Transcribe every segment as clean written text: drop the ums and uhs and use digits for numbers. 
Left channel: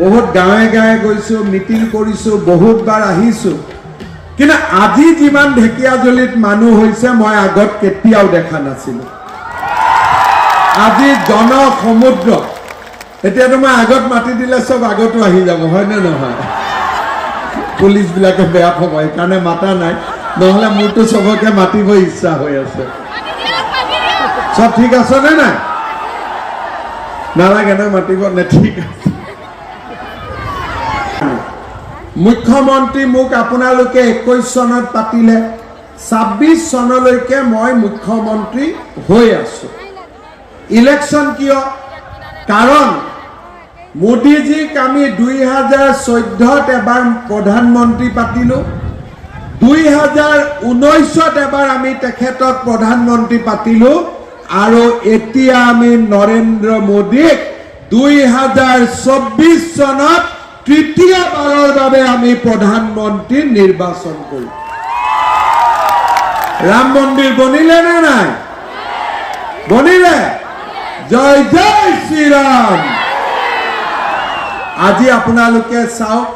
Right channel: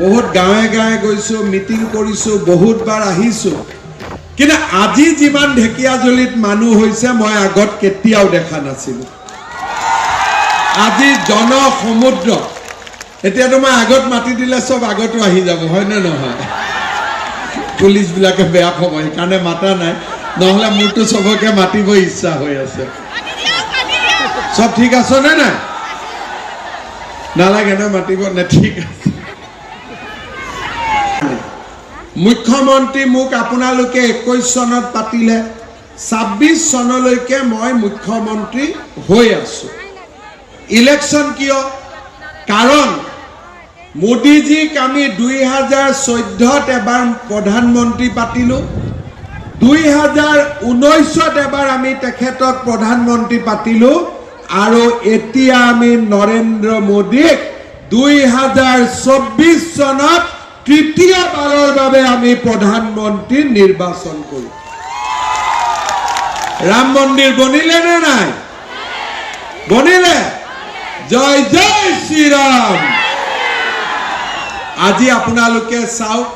বহুত গাঁৱে গাঁৱে গৈছোঁ, মিটিং কৰিছোঁ, বহুতবাৰ আহিছোঁ, কিন্তু আজি যিমান ঢেকিয়াজুলিত মানুহ হৈছে মই আগত কেতিয়াও দেখা নাছিলোঁ। আজি জনসমুদ্ৰ। এতিয়াতো মই আগত মাতি দিলে চব আগতো আহি যাব, হয়নে নহয়? পুলিচবিলাকে বেয়া পাব, সেইকাৰণে মাতা নাই, নহ'লে মোৰতো চবকে মাতিব ইচ্ছা হৈ আছে। চব ঠিক আছে নে নাই? নালাগে ন মাতিব নে? ঠিক আছে। মুখ্যমন্ত্ৰী মোক আপোনালোকে 21 চনত পাতিলে, 26 চনলৈকে মই মুখ্যমন্ত্ৰী হৈ আছো। ইলেকশ্যন কিয়? কাৰণ মোদীজীক আমি 2014ত এবাৰ প্ৰধানমন্ত্ৰী পাতিলো, 2019ত এবাৰ আমি তেখেতক প্ৰধানমন্ত্ৰী পাতিলো, আৰু এতিয়া আমি নৰেন্দ্ৰ মোদীক 2024 চনত তৃতীয়বাৰৰ বাবে আমি প্ৰধানমন্ত্ৰী নিৰ্বাচন কৰিম। ৰাম মন্দিৰ বনিলে নে নাই? বনিলে? জয় জয় শ্ৰীৰাম। আজি আপোনালোকে চাওক,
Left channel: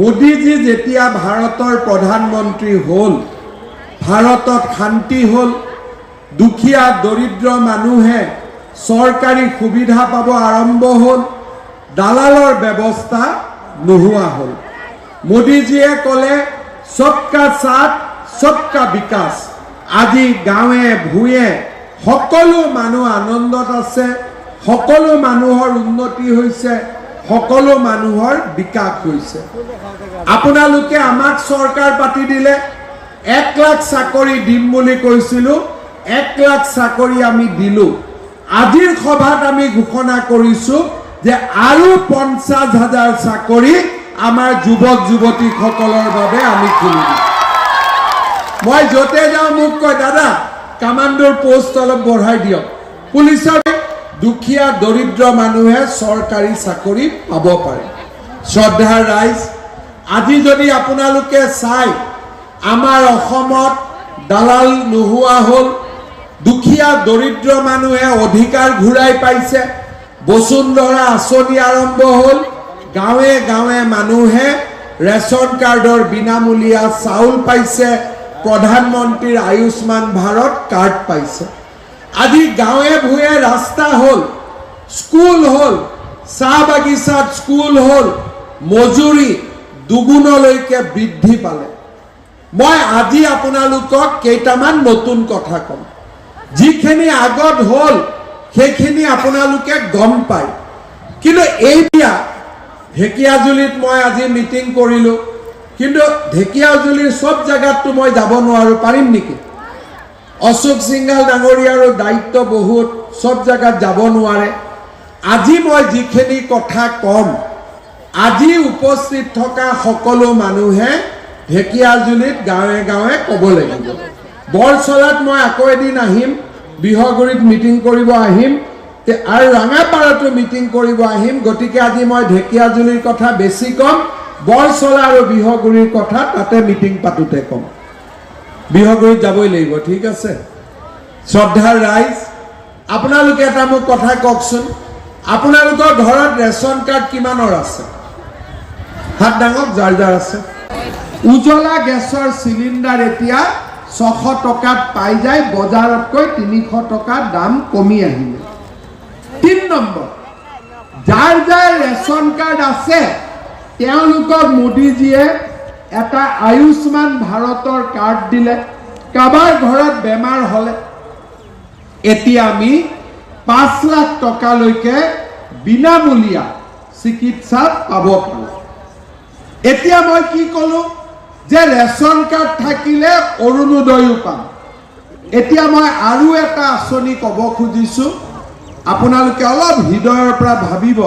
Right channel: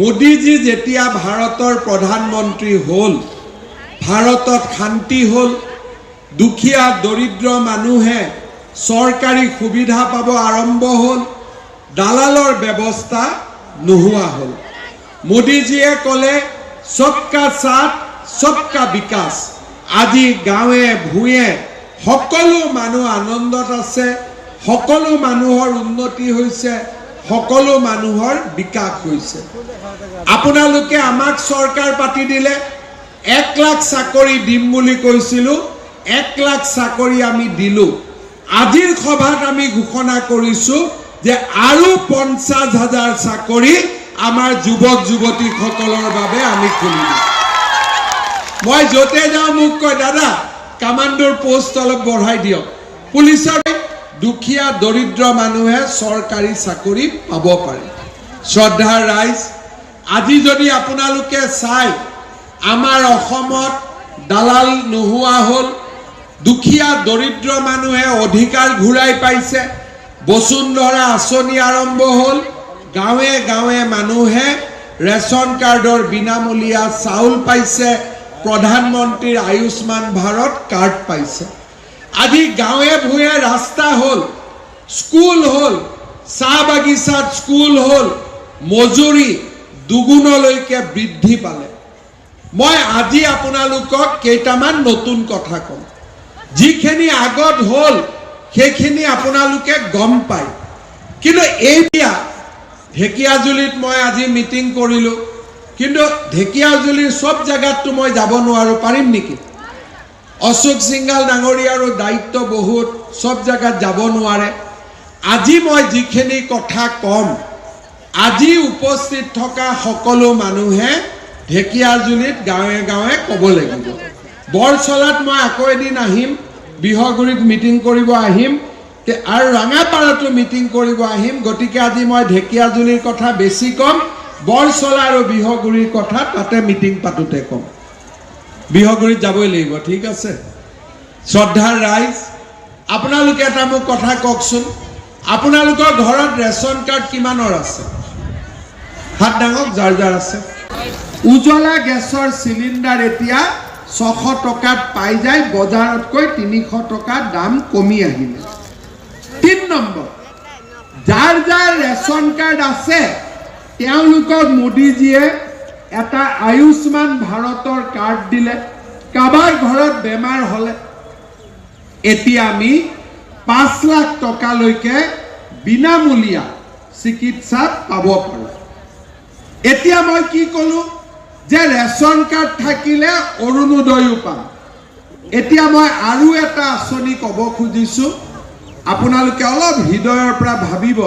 মোদীজী যেতিয়া ভাৰতৰ প্ৰধানমন্ত্ৰী হ'ল, ভাৰতত শান্তি হ'ল, দুখীয়া দৰিদ্ৰ মানুহে চৰকাৰী সুবিধা পাব আৰম্ভ হ'ল, দালালৰ ব্যৱস্থা নোহোৱা হ'ল। মোদীজীয়ে ক'লে সবকা সাথ সবকা বিকাশ। আজি গাঁৱে ভূঞে সকলো মানুহ আনন্দত আছে, সকলো মানুহৰ উন্নতি হৈছে, সকলো মানুহৰ বিকাশ হৈছে। আপোনালোকে আমাক চৰকাৰ পাতি দিলে, 1 লাখ চাকৰি দিম বুলি কৈছিলো, 1 লাখ চাকৰি আমি দিলো। আজিৰ সভাত আমি ঘোষণা কৰিছো যে আৰু 50,000 চাকৰি আমাৰ যুৱক যুৱতীসকলৰ বাবে আমি খুলি দিম। মই য'তে যাওঁ মোক কয়, দাদা কামাণ্ডোৰ পোষ্ট অলপ বঢ়াই দিয়ক। পুলিচৰ দুখীয়া দৰিদ্ৰ মানুহে চৰকাৰী চাকৰি পাব পাৰে। শ্ৰদ্ধাৰ ৰাইজ, আজি যদি আপোনালোকে চাই, আমাৰ অসমত দালাল নোহোৱা হ'ল, দুখীয়া দৰিদ্ৰ মানুহে অধিকাৰ ঘূৰাই পাইছে, বসুন্ধৰা আঁচনি আৰম্ভ হ'ল, গাঁৱে গাঁৱে মানুহে ৰেচন কাৰ্ডৰ বিনামূলীয়া চাউল পাইছে, প্ৰধানমন্ত্ৰীৰ আয়ুষ্মান ভাৰত কাৰ্ড পাইছে। আজি গাঁৱে ভূঞে ৰাস্তা হ'ল, স্কুল হ'ল, চাহ বাগিচাত স্কুল হ'ল, মজুৰি দুগুণলৈকে বৃদ্ধি পালে। মই আজি আপোনালোকক কেইটামান নতুন কথা কম। যিখিনি আগত হ'ল সেইখিনি আপোনালোকে গম পায়, কিন্তু এতিয়া ঢেকিয়াজুলিত মই আজি মিটিং কৰিলোঁ, কিন্তু ঢেকিয়াজুলিৰ সব জায়গাতো মই যাব নোৱাৰো, পাৰিম নেকি? অশোক সিংঘাল ডাঙৰীয়াৰো দায়িত্ব বহুত, সব জায়গাত যাব নোৱাৰে। আজি মই যিখিনি কথা কম, আজি উপস্থিত থকা সকলো মানুহে ঢেকিয়াজুলিত গাঁৱে গাঁৱে ক'ব লাগিব। বৰচলাত মই আকৌ এদিন আহিম, বিহগুৰিত মিটিং কৰিব আহিম, আৰু ৰঙাপাৰাতো মিটিং কৰিব আহিম। গতিকে আজি মই ঢেকিয়াজুলিৰ কথা বেছি কম, বৰচলা আৰু বিহগুৰিৰ কথা তাতে মিটিং পাতোতে কম। বিহগুৰিত যাবই লাগিব, ঠিক আছে? শ্ৰদ্ধাৰ ৰাইজ, আপোনালোকে এটা মোক কথা কওকচোন, আপোনালোকৰ ঘৰত ৰেচন কাৰ্ড কিমানৰ আছে? হাত ডাঙক যাৰ যাৰ আছে। উজ্বলা গেছৰ চিলিণ্ডাৰ এতিয়া 600 টকাত পাই যায়, বজাৰতকৈ 300 টকা দাম কমি আহিলে। 3 নম্বৰ, যাৰ যাৰ ৰেচন কাৰ্ড আছে তেওঁলোকক মোদীজীয়ে এটা আয়ুষ্মান ভাৰতৰ কাৰ্ড দিলে। কাৰোবাৰ ঘৰত বেমাৰ হ'লে এতিয়া আমি 5 লাখ টকালৈকে বিনামূলীয়া চিকিৎসা পাব পাৰোঁ। এতিয়া মই কি ক'লো যে ৰেচন কাৰ্ড থাকিলে অৰুণোদয়ো পাম। এতিয়া মই আৰু এটা আঁচনি ক'ব খুজিছো, আপোনালোকে অলপ হৃদয়ৰ পৰা ভাবিব।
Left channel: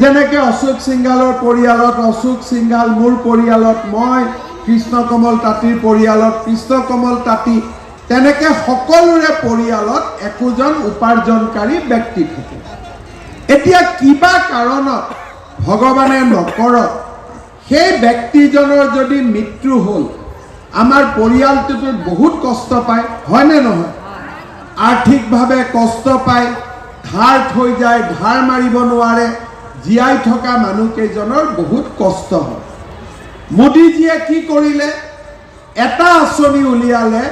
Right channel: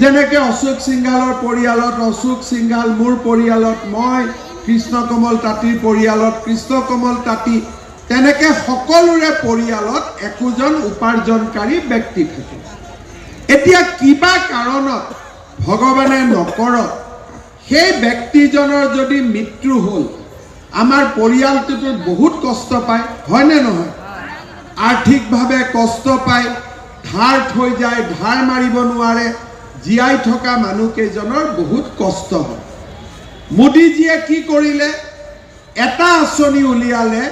যেনেকে অশোক সিংঘালৰ পৰিয়ালত অশোক সিংঘাল, মোৰ পৰিয়ালত মই, কৃষ্ণকমল তাঁতীৰ পৰিয়ালত কৃষ্ণকমল তাঁতী, তেনেকে সকলোৰে পৰিয়ালত একোজন উপাৰ্জনকাৰী ব্যক্তি থাকে। এতিয়া কিবা কাৰণত ভগৱানে নকৰক সেই ব্যক্তিজনৰ যদি মৃত্যু হ'ল, আমাৰ পৰিয়ালটোতো বহুত কষ্ট পায়, হয়নে নহয়? আৰ্থিকভাৱে কষ্ট পায়, ধাৰ থৈ যায়, ধাৰ মাৰিব নোৱাৰে, জীয়াই থকা মানুহকেইজনৰ বহুত কষ্ট হয়। মোদীজীয়ে কি কৰিলে, এটা আঁচনি উলিয়ালে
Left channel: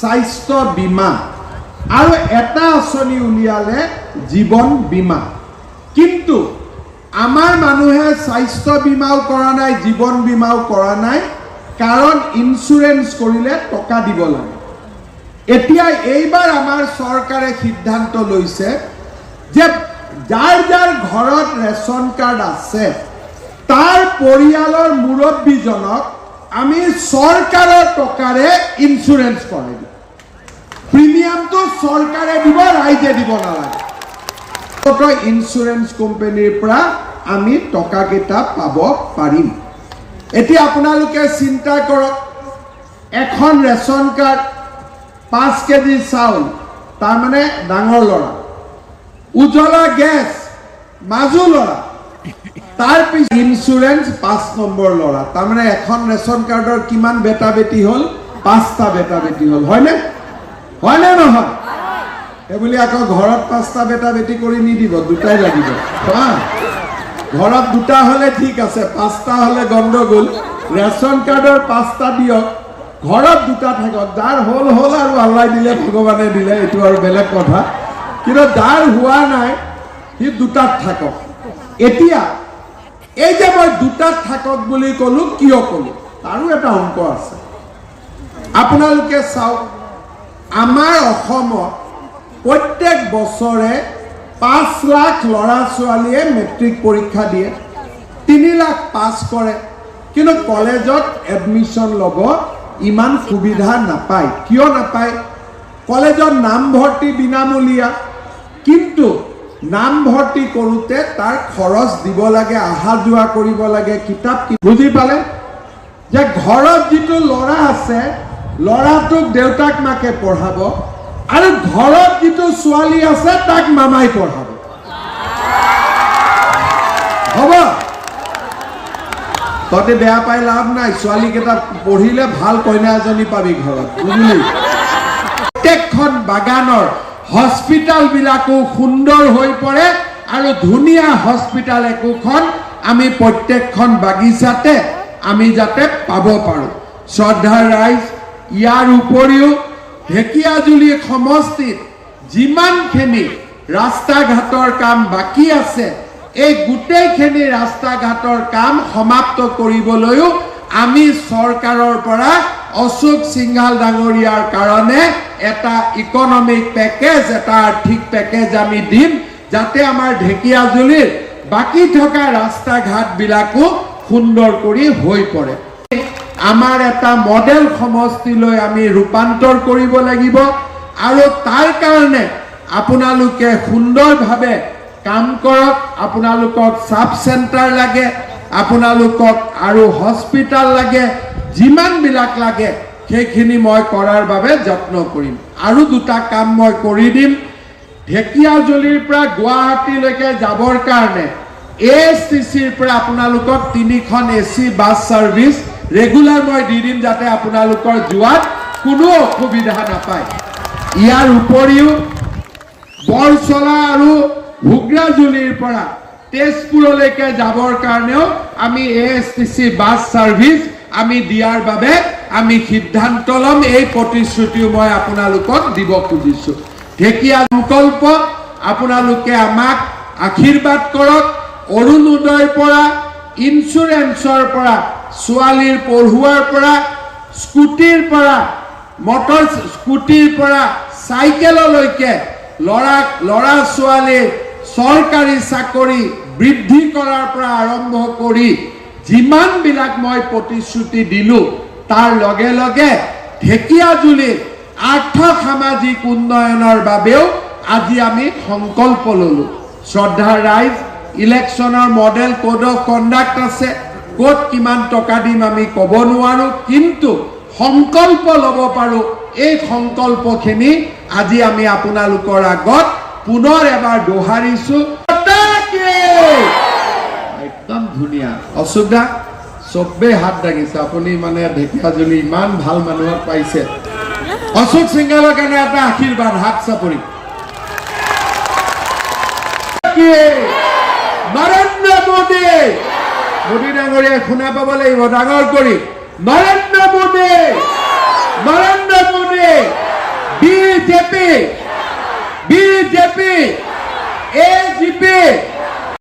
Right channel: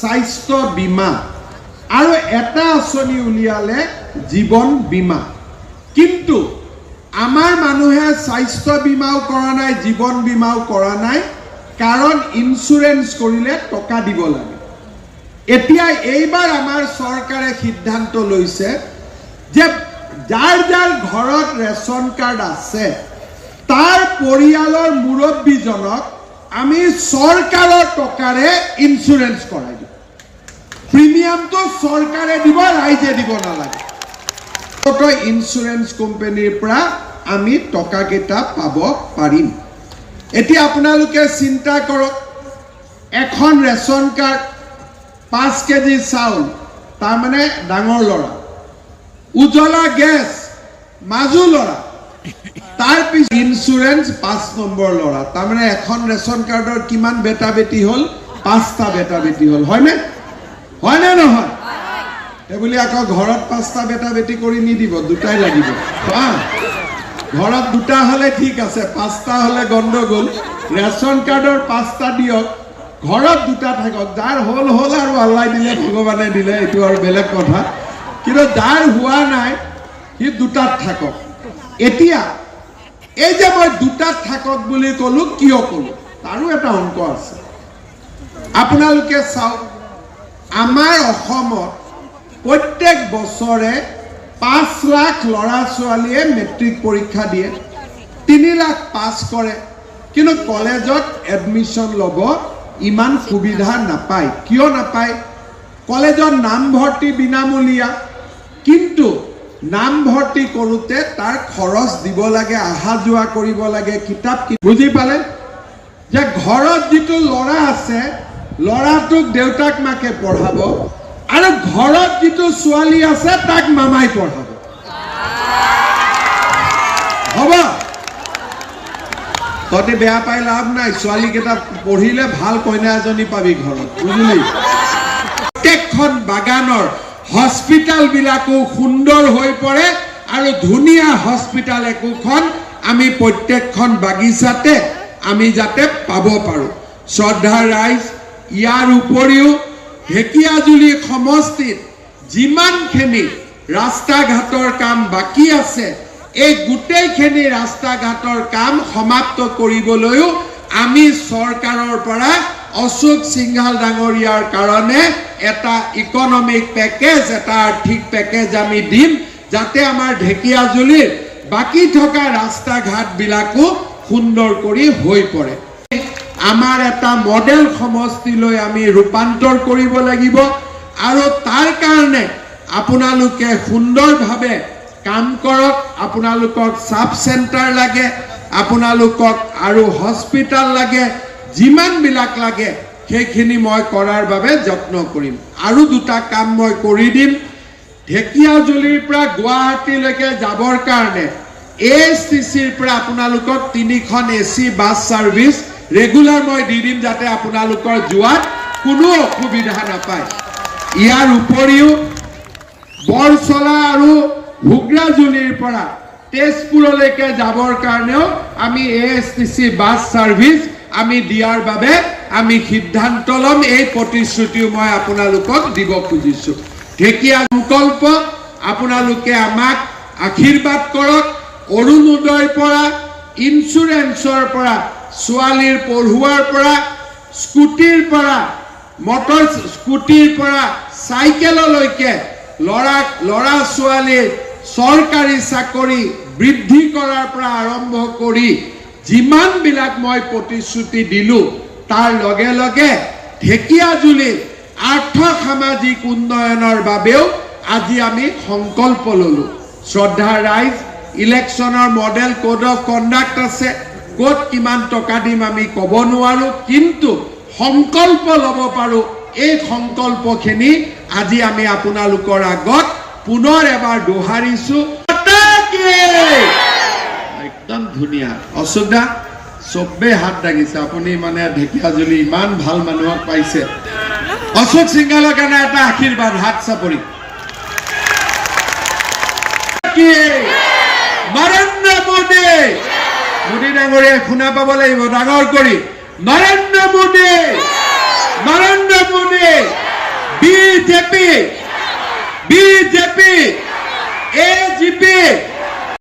স্বাস্থ্য বীমা আৰু এটা আঁচনি উলিয়ালে জীৱন বীমা। কিন্তু আমাৰ মানুহে স্বাস্থ্য বীমাও কৰা নাই, জীৱন বীমাও কৰা নাই, কাৰণ ইঞ্চুৰেঞ্চ কৰিলে টকা দিব লাগে। এতিয়া এইবাৰ আমাৰ চৰকাৰে সিদ্ধান্ত লৈছে যে যাৰ যাৰ ঘৰত ৰেচন কাৰ্ড আছে তাৰ পৰিয়ালৰ মুৰব্বীজনক আমি চৰকাৰৰ টকাৰে ইঞ্চুৰেঞ্চ কৰাই দিম। প্ৰিমিয়ামটো চৰকাৰে দিব, ৰাইজে দিব নালাগে। ইঞ্চুৰেঞ্চ কোম্পানীৰ পৰা আমি টকাকেইটা পাব পাৰিম। এতিয়া আপোনালোকে চিন্তা কৰক, এখন ৰেচন কাৰ্ড, 5 কেজি চাউল, তাৰমানে ডাঙৰ ল'ৰা, উজ্বলা গেছ মাজু ল'ৰা, তাৰপিছত ইঞ্চুৰেঞ্চ 5 নম্বৰ ল'ৰা, তাৰমানে এখন ৰেচন কাৰ্ডৰ কিমান বেটা বেটি হ'ল? 5টা বেটা বেটি হ'ল। হয়নে নহয়? এইবুলি আকৌ ঘৰত 5টা বেটা বেটি কৰি নিদিব, 2টাই লাগিব। ঘৰত 2টা হ'লে ঠিক আছে, 5টা হ'লে গণ্ডগোল। ৰেচন কাৰ্ডৰ 5টা দিয়ক, ঘৰত 2টা থাকক। যাৰ হ'ল আৰু আল্লাই দিলে, ভগৱানে দিলে, এইটো আৰু বেলেগ কথা। কিন্তু যাৰ হোৱা নাই সি 2টাত থাকক। এতিয়া এই যে মই 2টাত থাকক বুলি ক'লো, কিয় ক'লো তাৰো এটা অংক আছে। আপোনালোকে চাওক, আমাৰ অসমত প্ৰত্যেক বছৰে 5 লাখ ল'ৰা ছোৱালীয়ে মেট্ৰিক পৰীক্ষা দিয়ে, 3 লাখ পাছ কৰে, কিন্তু কলেজত এডমিশ্যন ল'ব ইমান সুবিধা নাপায়। কিয় নাপায়? কলেজত নামভৰ্তি বিনামূলীয়া, কিন্তু নামভৰ্তি কৰোঁতে তাৰ খৰচ দিব লাগে, অহা যোৱা কৰিব লাগে, কিতাপ। বুজি পালে? যে ঘৰত যিটো ল'ৰা আছে, ল'ৰাটোক দেউতাক মাকে পঢ়াব, আৰু ঘৰত যিটো ছোৱালী আছে তাক মামাই পঢ়াব। হ'ব, তহঁতে বেয়া পাই লাভ নাই, ছোৱালীকেইটা পঢ়িলে ভাল কইনা এজনী পাবি ঘৰত, বুজিলি? প্ৰত্যেকখন বাগানৰ হস্পিটাল বিলাকো সুন্দৰ হৈ পৰে, আৰু ধুনীয়া হস্পিটাল একোখন আমি প্ৰত্যেকখন বাগিচাতে আমি যাতে পাব পাৰো। শ্ৰদ্ধাৰ ৰাইজ, ইয়াৰ উপৰিও ঢেকিয়াজুলি সমষ্টিত যিমানখিনি ৰাস্তা ঘাটৰ কাম বাকী আছে, এই গোটেইখিনি ৰাস্তা ঘাটৰ কাম সমাপ্ত কৰিবলৈও আমি চৰকাৰৰ পৰা অশোক সিংঘাল ডাঙৰীয়াৰ কাৰণে এটা ইকনমিক পেকেজ, এটা আৰ্থিক পেকেজ আমি দিম, যাতে আমাৰ ঢেকিয়াজুলিৰ বাকী থকা ৰাস্তা ঘাটবিলাকো সুন্দৰ কৰি হৈ পৰে। আমাৰ এটা মডেল সমষ্টিলৈ আমি ৰূপান্তৰ কৰিব লাগিব, আৰু তাৰ কাৰণে আপোনালোকে সুন্দৰভাৱে কাম কৰক। আপোনালোকক সাব চেণ্টাৰ লাগে, আপোনালোকক আৰু হস্পিটাল লাগে, যিমানবিলাক লাগে সেইখিনি মই কৰাৰ বাবে যত্ন কৰিম। আৰু 2টা কাম মই কৰি দিম। ঢেকিয়াজুলিৰ পৰা গুৱাহাটীলৈকে যাবৰ কাৰণে ASTCৰ পৰা আপোনালোকক 3খন AC বাছ ছাৰ্ভিচ ৰেগুলাৰ মই দি দিম, যাতে আপোনালোকৰ যোৱাত কোনো অসুবিধা নাপায়। ইয়াৰ উপৰিও বৰচলা আৰু ঘুগ্ৰাজুলিৰ পৰা তেজপুৰলৈকে যাবৰ কাৰণেও আমি ASTC বাছ ছাৰ্ভিচ আমি দিয়াৰ বাবে আমি সিদ্ধান্ত ল'ম। এই প্ৰতিশ্ৰুতিও মই আপোনালোকক দিব খুজিছোঁ। ঢেকিয়া সংকল্প, আপোনালোকে আমাক আশীৰ্বাদ কৰক। অৰুণোদয়ৰ পৰা, ইঞ্চুৰেঞ্চৰ পৰা, ছোৱালীৰ পঢ়ুৱাৰ পৰা, স্কুটিৰ পৰা, মটৰ স্কুটিৰ পৰা চাইকেললৈকে, ল'ৰা ছোৱালীৰ চৰকাৰী চাকৰি বৃদ্ধি কৰাৰ পৰা আৰম্ভ কৰি যিমানবিলাক মই প্ৰতিশ্ৰুতি দিলোঁ, তাৰ লগে লগে ঢেকিয়াজুলিৰ আৰ্থ সামাজিক উন্নয়নৰ বাবেও আজি আমি সংকল্প ল'লোঁ। শ্ৰদ্ধাৰ ৰাইজ, ইলেকশ্যনৰ মডেল কোড অফ কণ্ডাক্ট আছে, ক'ত কিমান টকা দিম আমি ক'ব নোৱাৰোঁ, কিন্তু সংকল্প ল'ব পাৰোঁ। এই সংকল্পখিনি আজি আমি আপোনালোকৰ আগত পুনৰ এবাৰ দোহাৰিছোঁ। একদম ধুনীয়া। অশোক দা, চবেই হাত দাঙিছে, আপুনি মানে ঢেকিয়াজুলি ইমান ভাল মানুহক পাইছে। অশোক সিংঘালৰ কাৰণে এটা আশীৰ্বাদ, হাত চাপৰি। নৰেন্দ্ৰ মোদী মোদী ডাঙৰীয়াই শুনা পাব লাগিব ডাঙৰ কৰি নৰেন্দ্ৰ মোদী বিজেপি AGP